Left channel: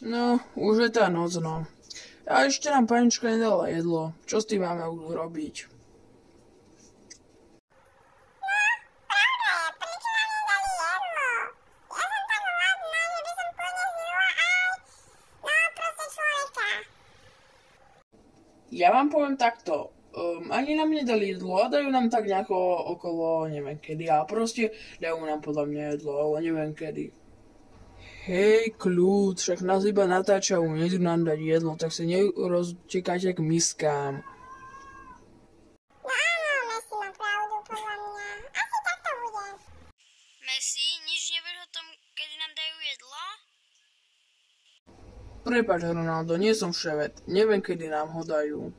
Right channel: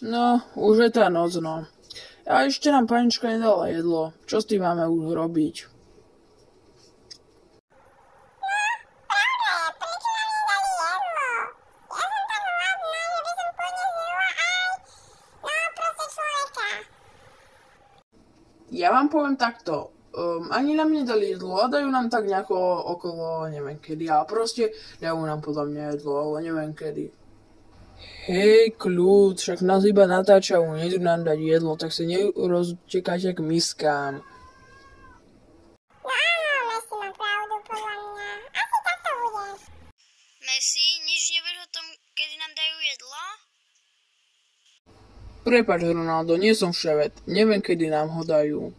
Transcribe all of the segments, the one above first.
No, už je tá noc, no. A ešte nám panička nedala jedlo. Čo s tým máme už robiť? Ja vám poviem takto, ani nám nedali jedlo a dajú nám tak nejako okolo, neviem kedy, ale proste dajú nám podľa mňa jedlo, ale neviem kedy. Hej, kľud, však nás iba natáčajú, nejdu nám dať jedlo, tak sa neroztekajte k miskám. No áno, Messi má pravdu podľa mňa. Asi tak to bude. Messi, nič nevieš o tom, kedy nám dajú jedlo? Prepáč, Ronaldo, nie som vševet, neviem kedy nám ho dajú.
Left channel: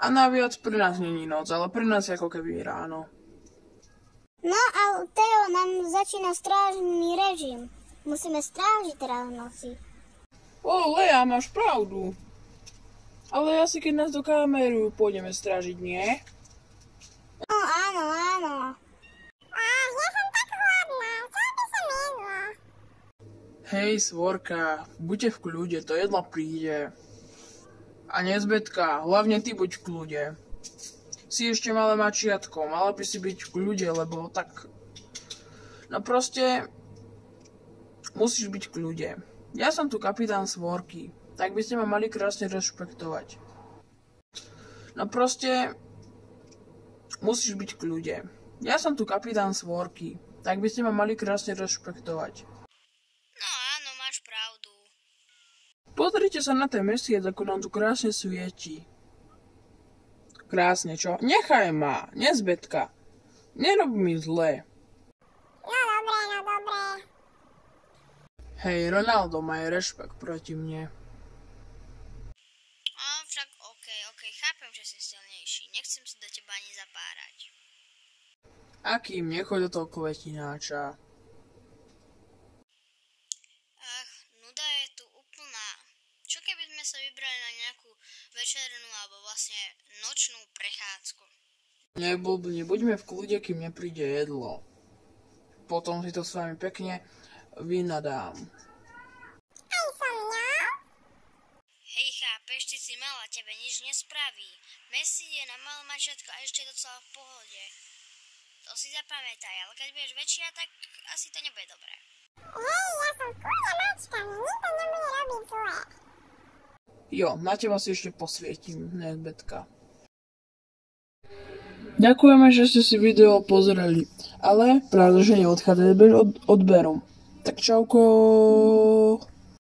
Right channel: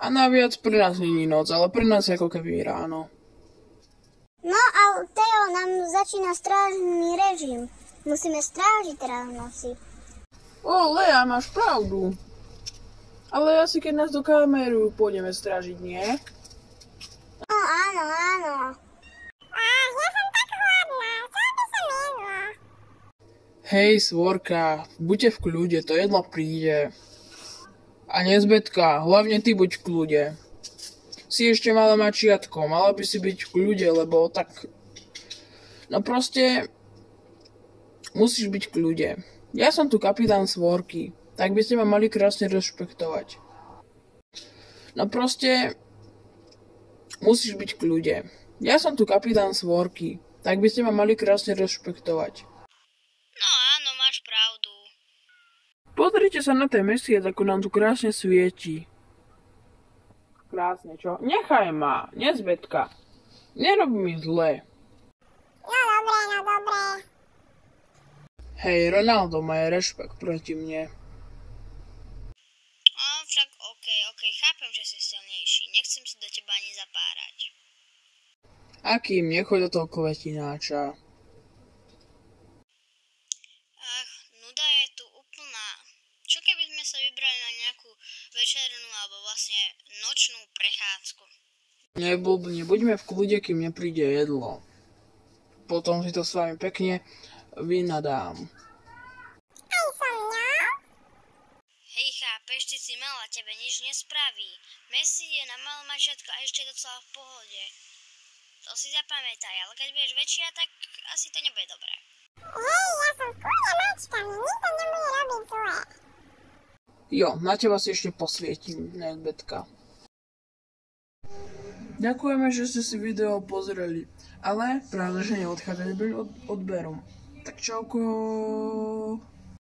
A naviac pre nás není noc, ale pre nás je ako keby ráno. No a Teo nám začína strážny režim. Musíme strážiť teraz v noci. Lea, máš pravdu. Ale asi keď nás do kameru pôjdeme strážiť, nie? No áno, áno. Ja som tak hladná, chcela by som jedlo. Hej, svorka, buďte v kľude, to jedlo príde. A nezbetka, hlavne ty buď v kľude. Si ešte malé mačiatko, mala by si byť v kľude, lebo tak... No proste... Musíš byť v kľude. Ja som tu kapitán Svorky, tak by ste ma mali krásne rešpektovať. No proste... Musíš byť v kľude. Ja som tu kapitán Svorky, tak by ste ma mali krásne rešpektovať. No áno, máš pravdu. Pozrite sa na ten mesiac, ako nám tu krásne svieti. Krásne, čo? Nechaj ma, nezbetka. Nerob mi zle. No dobré. Hej, Ronaldo, má rešpekt proti mne. Však okej, chápem, že si silnejší. Nechcem sa do teba ani zapárať. Akým, nechoď do toho kvetináča. Nuda je tu úplná. Čo keby sme sa vybrali na nejakú večernú alebo vlastne nočnú prechádzku? Neblbni, buďme v kľude, kým nepríde jedlo. Potom si to s vami pekne vynadám. Aj som mňa? Hej, chápeš, ty si malá, tebe nič nespraví. Messi je na malé mačiatko a ešte docela v pohode. To si zapamätaj, ale keď budeš väčšia, tak asi to nebude dobré. Hej, ja som v kľude mačka, mi nikto nebude robiť zle. Jo, na teba si ešte posvietim, nezbetka. Ďakujeme, že ste si video pozreli, ale pravda, že neodchádzate bez odberu. Tak čauko.